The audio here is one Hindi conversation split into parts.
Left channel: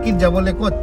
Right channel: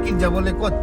অর্কিড যাব লেকত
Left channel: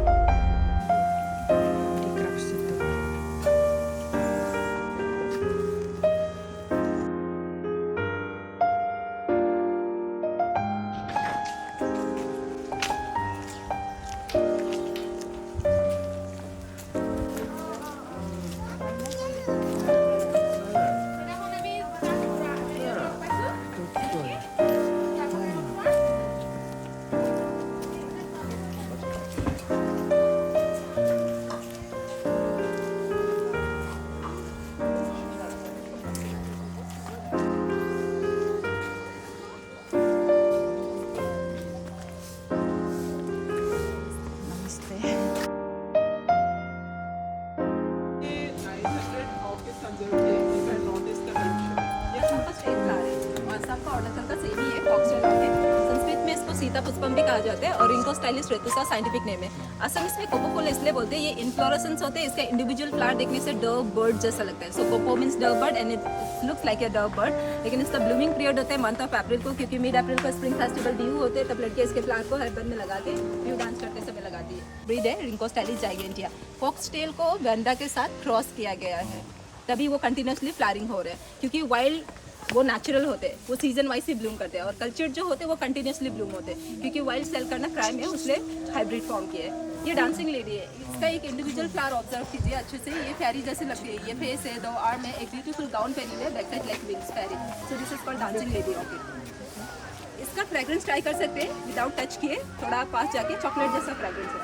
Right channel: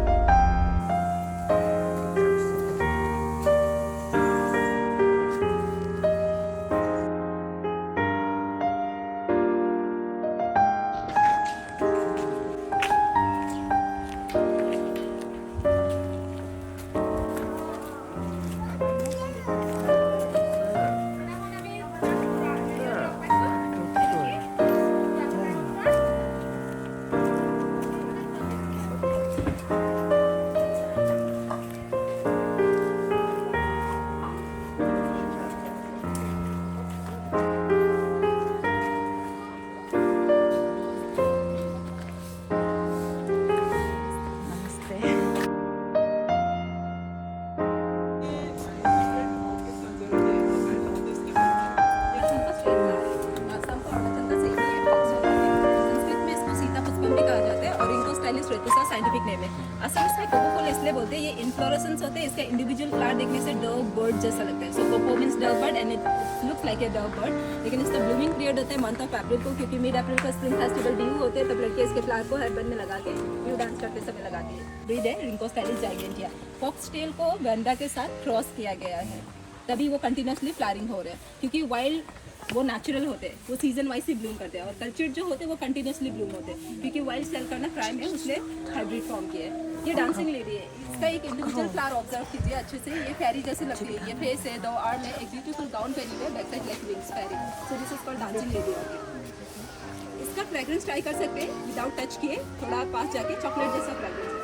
साइंटिफिक नेम है। असल में इसमें कोकोपोल इसलिए बोलते हैं, ये इन्फ्लोरेसेंस होते हैं, इसका इंडिविजुअल फ्लावर देखने से डव बर्ड जैसा लगता है। So coco means dove bird and it looks like a dove bird. लेकिन इसका ब्लूमिंग पीरियड होता है मंथ ऑफ अप्रैल को, क्योंकि मिड अप्रैल को स्प्रिंग फेस्टिवल ड्यू होते हैं, तब लड़के इसके फ्लावर को हेयरबैंड में लगा के ड्यू डांस करते समय लगाती है। ब्रीड है रिंकोस्टाइलिस जाइगेंटिया। फॉक्सटेल को गैंडा के साथ क्रॉस किया गया है, तभी वो कंटिन्यूसली फ्लावरिंग हो रहे हैं, क्योंकि वाइल्ड वो नेचुरल होते हैं, वो सीजन वाइज ही ब्लूम करते हैं, और कल्चर्ड जो होते हैं वो कंटिन्यूसली ब्लूम होते हैं, क्योंकि वाइल्ड सेल करना क्राइम है, उसलिए हाइब्रिड फॉर्म किया है। ये डांसिंग लेडी है, इसका एक इंडिविजुअल फ्लावर ऑब्जर्व कीजिए अच्छे से, ये फेरी जैसे लगती है, ये फेस है, दो आर्म है, एक ब्यूटीफुल गाउन पहनी हुई है, back side like wings fairy. So this is called dancing lady orchid. इसका फ्रेग्रेंस ट्राई कर सकते हैं विदाउट टच किए, थोड़ा पास जाके चॉकलेट जैसा फ्रेग्रेंस है,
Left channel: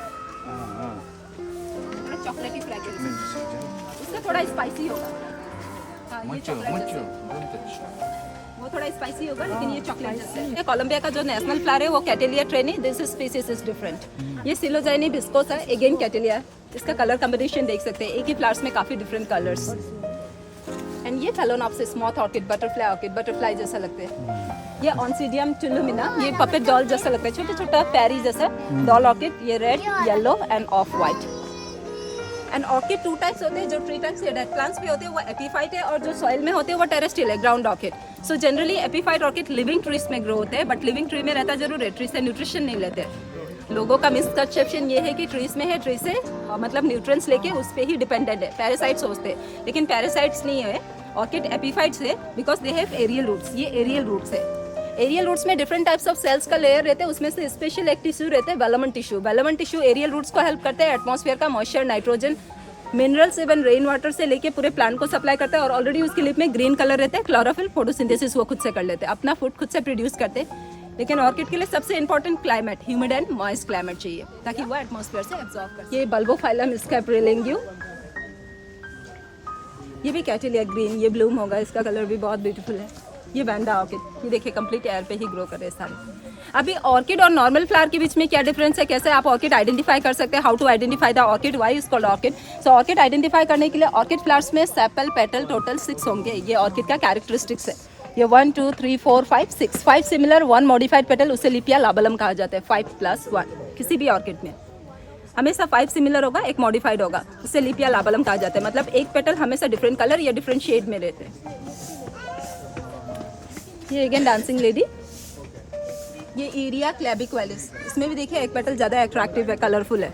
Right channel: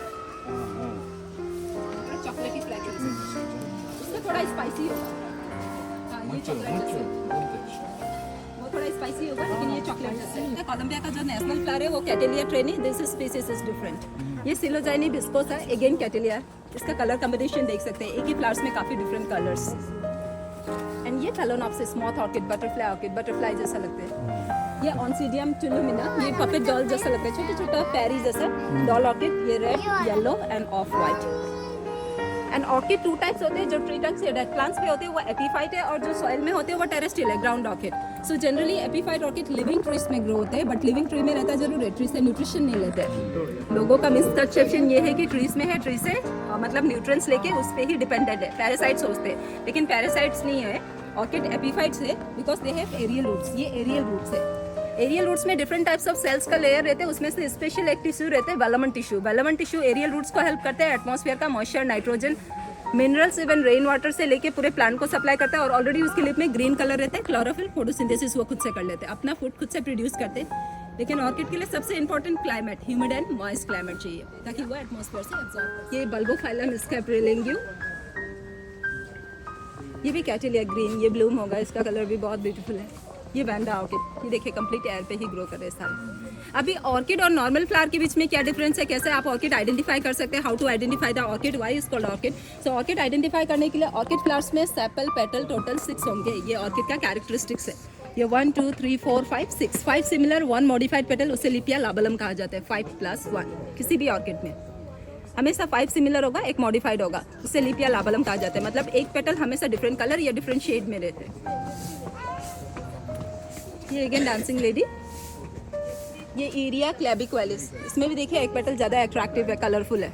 थोड़ा चॉकलेटी फ्रेग्रेंस है, इसका थोड़ा स्पाइसी होगा। हाँ, ये चॉकलेट वो थोड़ा स्पाइसी होगा, लेकिन ये चॉकलेट जैसा है। कोलंबिया का जो नेशनल फ्लावर है वो Cattleya trianae, this species is different. ये सिलोजाइनी बिस्कोस है, अगेन कैटेलिया। इसका कलर कॉम्बिनेशन देख सकते हैं, एक ही फ्लावर्स में काफी डिफरेंट कलर्स। एंड ये फेलोनॉप्सिस मॉथ ऑर्किड, बटरफ्लाई जैसा लगते हैं। ये ऑन्सीडियम टुलुमिना, ये पपेट डॉल जैसा लगता है, छोटा छोटा पैरी जैसा डॉल ऑर्किड। ये red, yellow end of white. And orchid two types होते हैं, जो ट्री टाइप्स या डेड प्लांट्स पे होते हैं वो एपीफाइट है, और जो सॉइल में होते हैं वो टेरेस्ट्रियल है, ground orchid. So generally epiphyte orchid living trees में ग्रो होते हैं, बट लिविंग ट्री में रहता जरूर है, ट्री से न्यूट्रिशन नहीं लेते। लोगों का मिसकंसेप्शन ये है कि ट्रीज में है, ट्री से मतलब न्यूट्रिएंट्स लेके उस पर ही डिपेंडेंट है, पैरासाइट सोचते हैं, लेकिन पैरासाइट्स नहीं है। ऑर्किड एपीफाइट्स है because they have aerial roots, ये एरियल रूट्स है। एरियल रूट्स में डिफरेंट टाइप्स ऑफ सेल्स का लेयर रहते हैं, उसमें से स्पेशल एक टिश्यू रहते हैं velamen tissue. Velamen tissue aerial roots को हेल्प करते हैं, एटमॉस्फेयर का moisture, nitrogen, minerals even rain water से लेके पूरे प्लांट को सप्लाई करता है, और ऑलरेडी उसके लिप में ग्रीन कलर रहता है, क्लोरोफिल, फोटोसिंथेसिस वो खुद से कर लेते हैं, अपना फूड खुद से प्रोड्यूस करते हैं। लेकिन ऑर्किड के लिए सबसे important climate, humid and moist climate चाहिए, ताकि वो एटमॉस्फेयर से एब्जॉर्ब करे। ये बल्बोफाइलम स्कैपुलेरियम, ये भी कैटेलिया ग्रीन, ये ब्लूम होगा, इसका कलर भी बहुत ब्यूटीफुल है। ये वैंडा ऑर्किड, ये देखिए कंप्लीट एयर पे ही ग्रो कर रहे हैं सारे। अभी ऑर्किड और नॉर्मल फ्लावर के बीच में क्या डिफरेंस है, कैसे आप ऑर्किड आइडेंटिफाई कर सकते हैं, how to identify the orchid, why is called orchid. So orchid identify करने के लिए ऑर्किड फ्लावर्स में सेपल, पेटल टोटल 6 होंगे, ये ऑर्किड का कैरेक्टरिस्टिक्स है। ये 1 2 3 4 5 6, 5 सिमिलर, 1 मॉडिफाइड पेटल, उसे लिपिया लाबलम कहा जाता है। 5+1 किसी भी ऑर्किड में हमेशा 5 सिमिलर होगा, एक मॉडिफाइड होगा, उसे लिपिया लाबलम कहा जाता है। मतलब एक पेटल हमेशा डिफरेंट कलर या डिफरेंट शेड में रहते हैं। ये अगेन डांसिंग लेडी, ये एरिया क्लैबिक्वेलिस, इसमें भी देखिए एक पेटल ज़्यादा अट्रैक्टिव है, कलरफुल है,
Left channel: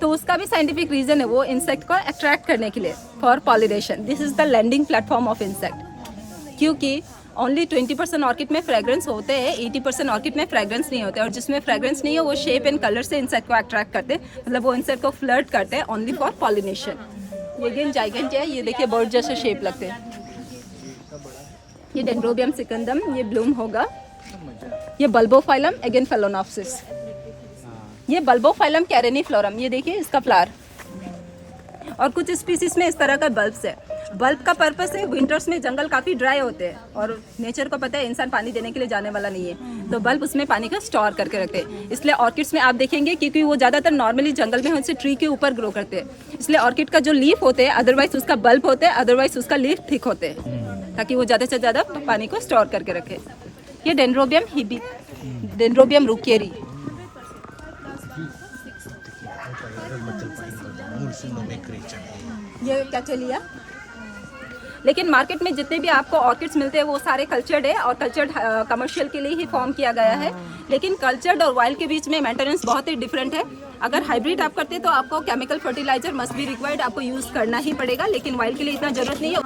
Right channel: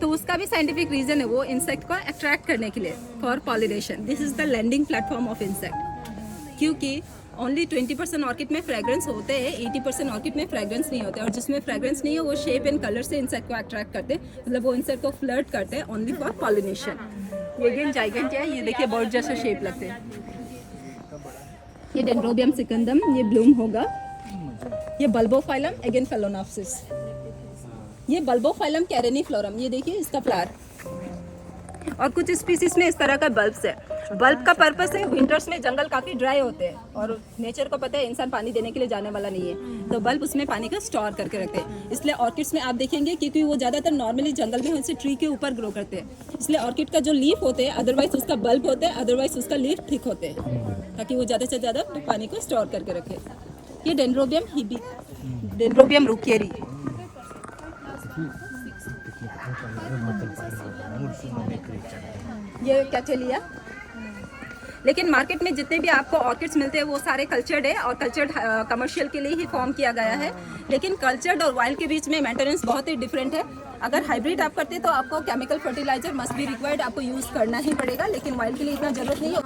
तो उसका भी साइंटिफिक रीजन है, वो इंसेक्ट को अट्रैक्ट करने के लिए, for pollination. This is the landing platform of insect, क्योंकि ओनली 20% ऑर्किड में फ्रेग्रेंस होते हैं, 80% ऑर्किड में फ्रेग्रेंस नहीं होते, और जिसमें फ्रेग्रेंस नहीं है वो शेप एंड कलर से इंसेक्ट को अट्रैक्ट करते हैं, मतलब वो इंसेक्ट को फ्लर्ट करते हैं ओनली फॉर पॉलिनेशन। ये अगेन जाइगेंटिया है, ये देखिए बर्ड जैसे शेप लगते हैं। ये डेंड्रोबियम सिकंदम, ये ब्लूम होगा। ये बल्बोफाइलम, अगेन फेलोनॉप्सिस। ये बल्बोफाइलम कैरेनिफ्लोरम, ये देखिए इसका फ्लावर, और कुछ स्पीसीज में इस तरह का बल्ब्स है। बल्ब का पर्पस है, विंटर्स में जंगल काफी ड्राई होते हैं, और नेचर को पता है इंसान पानी देने के लिए जाने वाला नहीं है, तो बल्ब उसमें पानी का स्टोर करके रखते हैं। इसलिए ऑर्किड्स में आप देखेंगे, क्योंकि वो ज्यादातर नॉर्मली जंगल में उनसे ट्री के ऊपर ग्रो करते हैं, इसलिए ऑर्किड का जो लीफ होते हैं, अदरवाइज उसका बल्ब होते हैं, अदरवाइज उसका लीफ थिक होते हैं, ताकि वो ज़्यादा से ज़्यादा पानी को स्टोर करके रखे। ये डेंड्रोबियम हिबी, डेंड्रोबियम रुकेरी, ये कैटेलिया, लेकिन मार्केट में जितने भी आपको ऑर्किड्स मिलते हैं वो सारे कल्चर्ड है और कल्चर्ड कमर्शियल के लिए ही फॉर्म किया गया है। लेकिन कल्चर्ड और वाइल्ड के बीच में मेंटेनेंस बहुत ही डिफरेंट है। अगर हाइब्रिड आप करते हैं तो आपको chemical fertiliser must be required, आपको यूज करना ही पड़ेगा, लेकिन वाइल्ड के लिए इतना जरूरत नहीं है।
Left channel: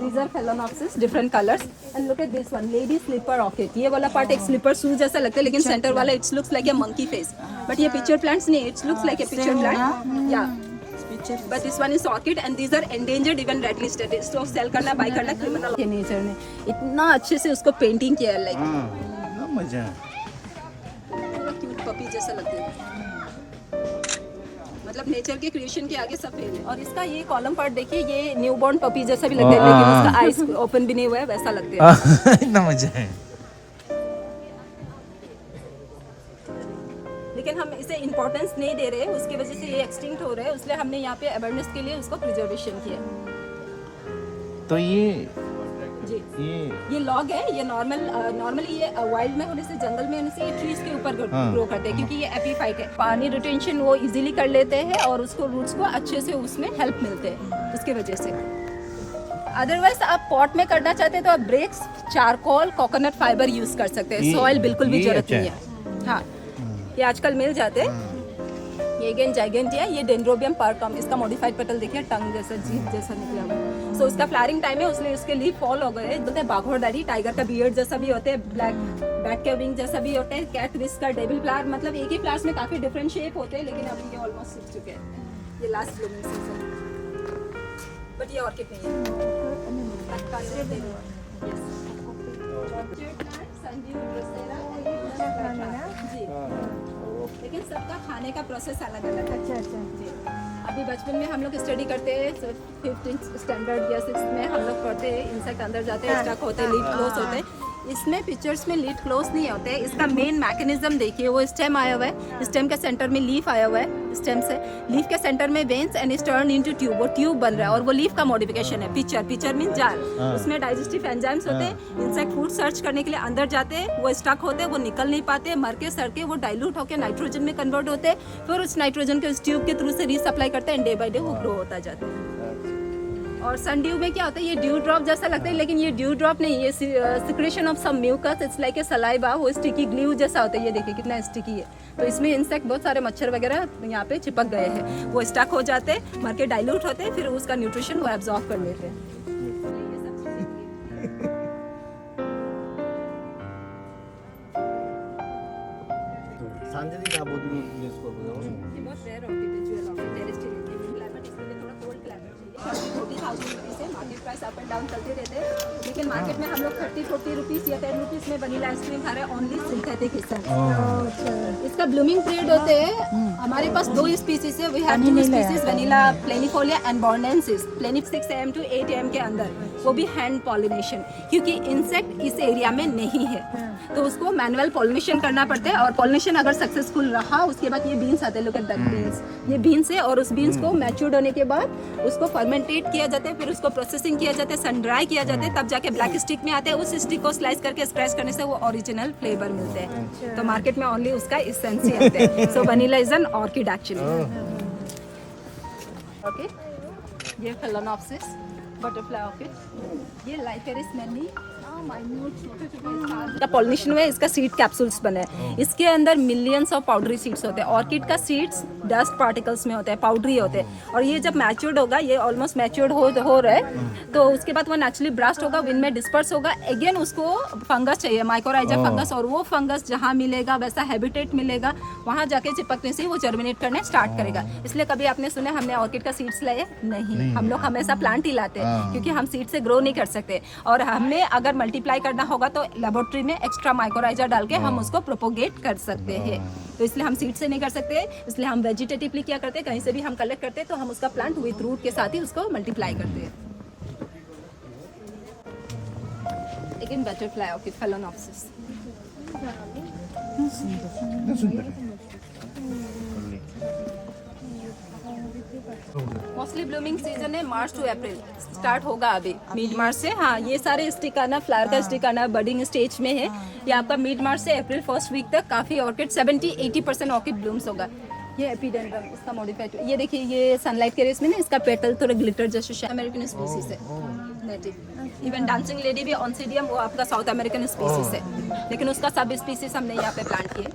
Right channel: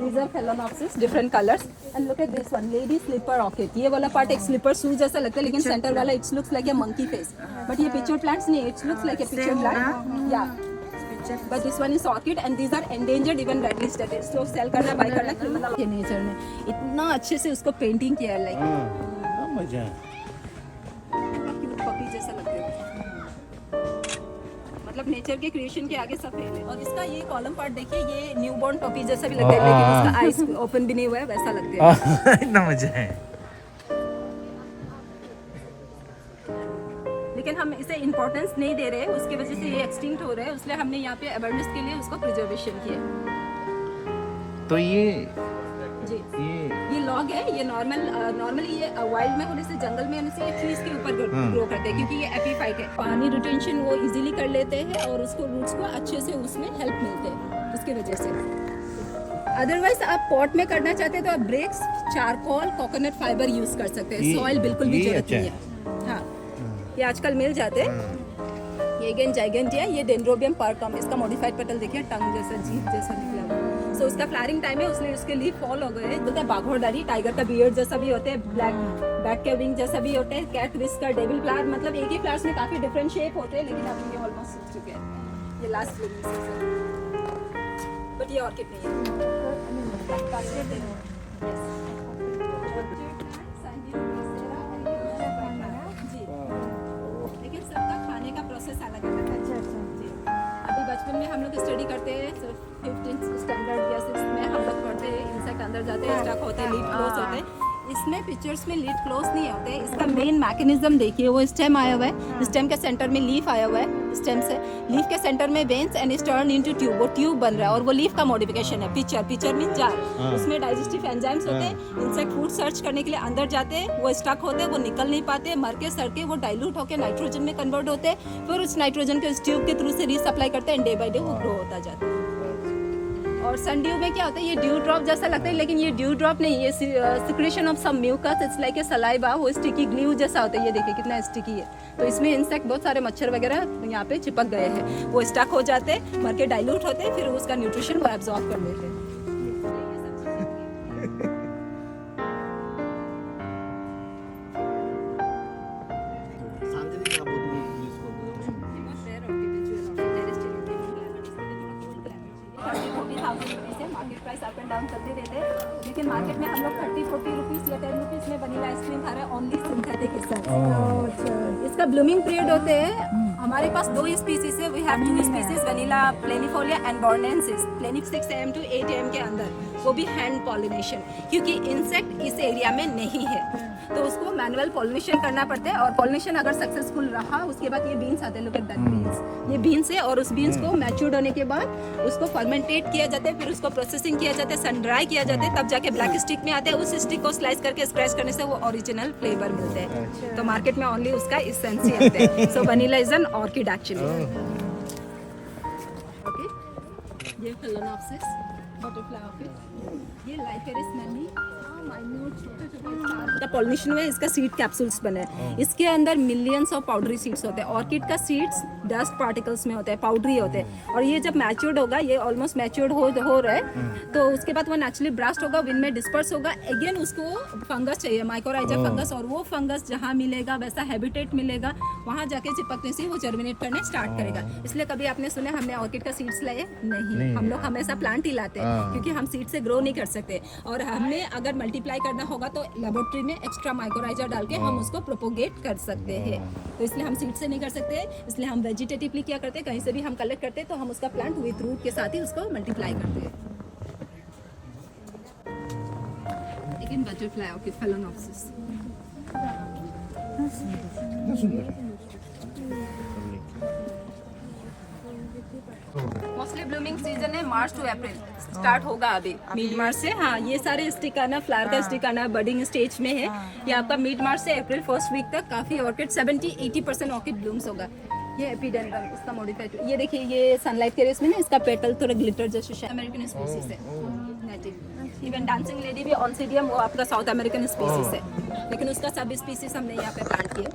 These are phalaenopsis, different colors, and look at this one, lady slipper orchid. ये वाला पार्ट एक स्लीपर शू जैसा लगता है, लेकिन सेंटर वाला it's looks like a monkey face, but ये पिक्चर प्लांट्स नहीं, it's looks like a picture plant या but this one is orchid and these are endangered, even red listed. इसको सेल करना बाय करना क्रिमिनल के नेचर ने इतना अच्छे से उसको पेंटिंग किया है, लाइक मजा पूरा क्यूट पपी जैसा लगता है, मतलब नेचर के क्रिएशन के आगे सब फेल है। और इसका ये कॉलम पार्ट देखिए, ये न्यूबॉर्न पपी जैसा भी लगता है, लेकिन उसका आईज ओपन भी नहीं हुआ है, वैसा लगता है। इतना मजा है। लेकिन हम इसे इम्पोर्टेंस नहीं दे रहे हैं, उसकी वजह से ये एक्सटिंक्ट हो रहा है, इसलिए हमने यहाँ पे अवेयरनेस के लिए उसको प्रिजर्वेशन किया। तो ये ये लॉग है, ये नॉर्मली ये वाइल्ड में होने से, जंगल में होने से ये ट्रीज के ऊपर ग्रो करते हैं, क्योंकि ये एपीफाइट है। पानी रिटेंशन वो इजीली कर लेते हैं और उसको रूट्स को अच्छे से उसमें हेल्प मिलते हैं उसके वजह से। अदरवाइज आप पॉट में करना चाहते हैं तो आप bricks, charcoal, coconut fibre use कर सकते हैं, सॉइल बिल्कुल भी जरूरत नहीं है। हाँ, ये आजकल मिल जाते हैं। ये अगेन जाइगेंटिया, ये डेंड्रोबियम पार्कम, इसका मॉडिफाइड पेटल देखिए, टंग जैसा, जीभ जैसा निकला हुआ। सो उसका फ्लावरिंग टाइम है, उसलिए उसके लीफ फॉल हो गए। बोलते हैं बाघोड़दारी, टाइगर का बियर्ड जैसा भी होते हैं, ब्लैक बैट के विंग जैसा भी होता है, कैट विस्कर, डेविल फ्लावर, मतलब एक ही फ्लावर्स में काफी डिफरेंट शेप होते हैं, लेकिन अभी ये ऑलमोस्ट सूख चुके हैं। ये लास्ट ब्लूमिंग सीजन, बट ये ऑर्किड नहीं है। लेकिन सबका खाने का प्रोसेस अलग अलग है। अच्छा जी। अभी बचपन में हम लोग स्टडी करते हैं, 5th स्टैंडर्ड या 6th में हम लोग पढ़ते हैं, इंसेक्ट अंदर जाते हैं, स्टक होते हैं, लीफ क्लोज होते हैं। इसमें पिक्चर्स में लीफ क्लोज नहीं होते। इसका मेन मैकेनिज्म देखिए, वो स्टेम आया हुआ है, स्टेम के सेंटर में लीफ आया हुआ है, स्टेम से लीफ के सेंटर में veins and is turn into tube, वो ट्यूब बन रहा है और वो लीफ का मॉडिफिकेशन है। पिक्चर मीन जार, उसमें डाइजेस्टिव एंजाइम्स होते हैं, इंसेक्ट फूड सर्च करने के लिए अंदर जाते हैं, वो स्टक होते हैं, वो निकल नहीं पाते, मर के सड़ के वो डाइल्यूट होकर नाइट्रोजन में कन्वर्ट होते हैं, फिर उस नाइट्रोजन को इस ट्यूब के थ्रू से रीसप्लाई करते हैं, डे बाई डे वो ग्रो होता जाता है। और सनड्यू में क्या होता है, ये ड्यू ड्रॉप जैसा लगता है, लेकिन ये ड्यू ड्रॉप नहीं, ये secretion of some mucus, it's like a saliva, वो स्टिकी ग्लू जैसा होता है। ये देखिए कितना स्टिकी है। तो इसमें इंसेक्ट, बहुत सारे मच्छर वगैरह यहाँ पे चिपक गए हैं, वो स्टक हो जाते हैं, मर के डाइल्यूट होते हैं, फिर उसका न्यूट्रिशन वो एब्जॉर्ब कर लेते हैं। लेकिन मार्केट में हम लोग 30-40 रुपीस या 10 रुपीस में वनीला आइसक्रीम खा रहे हैं, ओनली सिंथेटिक एसेंस। इसका ब्लूमिंग पीरियड होते हैं, हमारे पास 2 स्पीसीज है, we have 2 species, vanilla planifolia and bordensis. प्लेनिफ 6 AM to 8 AM के अंदर, वो भी हैंड पॉलिनेशन, क्योंकि इंसेक्ट इस एरिया में नहीं है, तो उसको मैनुअल पॉलिनेशन करना पड़ता है। और पॉलिनेशन अगर सक्सेसफुल रहा, उसके बाद ये बीन्स आते हैं, लुक एट दैट बीन्स, ये बीन्स है, और उस बीन्स को मैच्योर्ड होने के बाद उसको फर्मेंटेट किया जाता है, फिर उसको प्रोसेसिंग किया जाता है, सन ड्राई किया जाता है, तब जाके ब्लैक स्टिक में आते हैं। उस स्टिक को स्लाइस करके स्क्रैच करने से वो ओरिजिनल फ्लेवर मिलते हैं। तो मार्केट में ओनली उसका एसेंस ही आता है। So vanilla is an orchid actually. Okay, ये फेलेनॉप्सिस बटरफ्लाई ऑर्किड, ये लाइफेरिस मैनी, माइन्यूट छोटे-छोटे स्टार का पॉलिनेशन में इसका सीड कैप्सूल्स बने हैं। इसके अंदर मिलियंस ऑफ पाउडरी सीड्स होते हैं। ऑर्किड का सीड्स डस्ट पार्टिकल्स में होते हैं, पाउडरी होते हैं, और ये जब मैच्योर्ड होगा, ये ऑलमोस्ट मैच्योर्ड हो रहा है, तो उसके बाद वो नेचुरली ब्रास्ट होगा, विंड में डिस्पर्स होगा। अगेन उसको फंगस चाहिए, माइकोराइजा फंगस, और वो फंगस जहाँ मिलेगा वैसा हैबिटेट मिलेगा, वहाँ जाके चिपकने से वो जर्मिनेट करने स्टार्ट करेगा। इसलिए कभी आपने सुना हमने ऑर्किड का सीड्स लाए? नहीं, हम लोग हमेशा प्लांट ही लाते हैं, क्योंकि हम सीड से ग्रो नहीं कर सकते। और हमें अगर मल्टीप्लाई करना होगा तो लेबोरेटरी में एक्स्ट्रा माइकोराइजा डाल के हम उसको प्रोपोगेट कर सकते हैं। तो इसलिए हम सीड से नहीं कर सकते, इसलिए हम वेजिटेटिवली क्या करते हैं, कहीं से भी हम कलेक्ट करते हैं तो हम उसका प्लांट विद रूट के साथ ही उसको मल्टीप्लाई करते हैं। लेकिन butterfly orchid Phalaenopsis mostly blooming season है मार्च टू अप्रैल, स्टार्ट होगा अभी मिड मार्च से। हाँ, ये सारे स्टिक आना, फ्लावर का स्टिक आना बडिंग स्टेज में है। ये आपका मिड मार्च से अप्रैल फर्स्ट वीक तक काफी ऑर्किड 70-80% ऑर्किड ब्लूम्स होगा। ये एपिडेंड्रम, इसका मॉडिफाइड, ये देखिए, ये सनलाइट के रेस में ना इसका पेटल थोड़ा ग्लिटर जैसे अमेरिकन स्पीसीज है। नेटिव। इवन डांसिंग लेडी भी ऑन्सिडियम, वो आपका साउथ अमेरिकन स्पीसीज है, लेकिन उसका सब स्पीसीज हमने यहाँ पे प्लांट किए।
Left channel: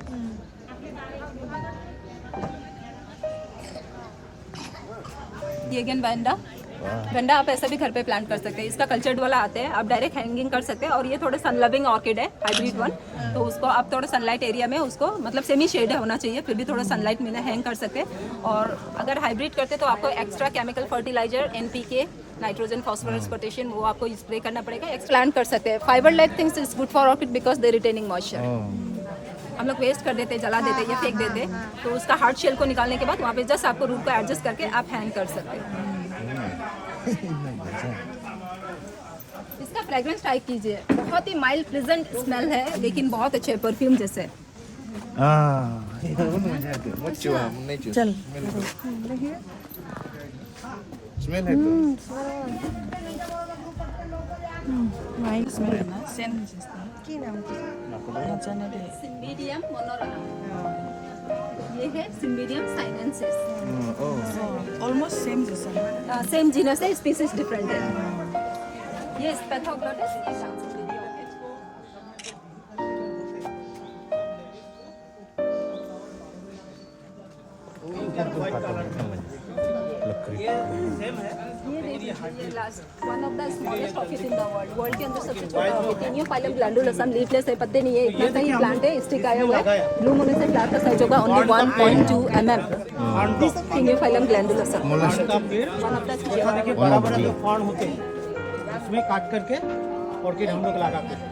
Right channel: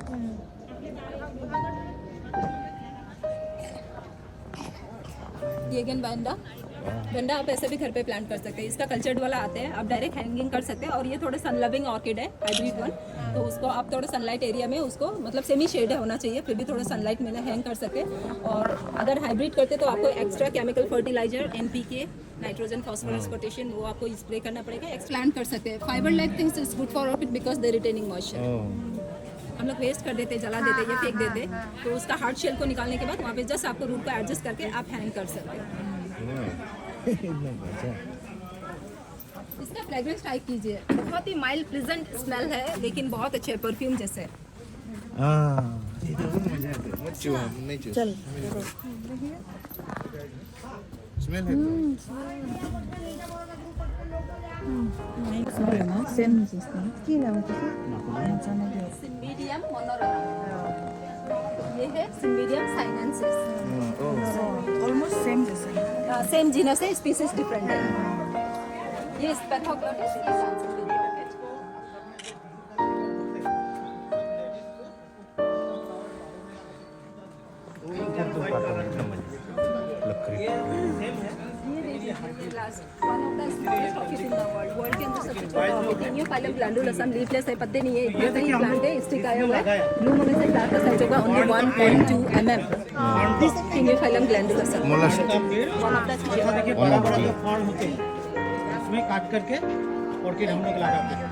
ये अगेन वेंडा आप ऐसे भी घर पे प्लांट कर सकते हैं। इसका कल्चर्ड वाला आते हैं, आप डायरेक्ट हैंगिंग कर सकते हैं। और ये थोड़े सन लविंग ऑर्किड है, हाइब्रिड वन, तो उसको आप थोड़ा सनलाइट एरिया में उसको मतलब सेमी शेड होना चाहिए, फिर भी थोड़ा सनलाइट में हैंग कर सकते हैं। और अगर हाइब्रिड करते तो आपको extra chemical fertiliser NPK, nitrogen phosphorus potassium, वो आपको स्प्रे करना पड़ेगा। प्लांट कर सकते हैं। Fibre like things is good for orchid because they retaining moisture. हम लोग वेस्ट कर देते, जला देते या फेंक देते, तो उसका हार्ड शेल को निकालने के बाद वहाँ पे जस्ट आपको रूट को एडजस्ट करके आप हैंग कर सकते हैं। इसका फ्रेग्रेंस ट्राई कीजिए, बहुत ही माइल्ड प्लेजेंट स्मेल है, लेकिन बहुत अच्छे परफ्यूम जैसे। स्मेल है माइल्ड स्मेल है ना, सेम जिसने की नाम सिम्बिडियम मोनोरा, ये है सिम्बिडियम साइनेंसिस। ऑलमोस्ट सेम जैसा, सेम जीनस है, स्पीसीज डिफरेंट है। ये Spathoglottis one of the smallest orchid in the world. World के अंदर सबसे छोटा ऑर्किड। टीनियोफाइलम ग्लैंडुलसम, लीफलेस है, पत्ते नहीं है, इतना सा ही प्लांट है, स्टिक आया हुआ है। ब्लूम होने से प्लांट का साइज होगा ओनली 1.2 mm। दिस टीनियोफाइलम ग्लैंडुलसम का पेड़ वन ऑफ द जैसा देखिए बड़ा बड़ा जो फॉर्म होते हैं उसमें काट करके ऑर्किड हम लोग लगाते हैं।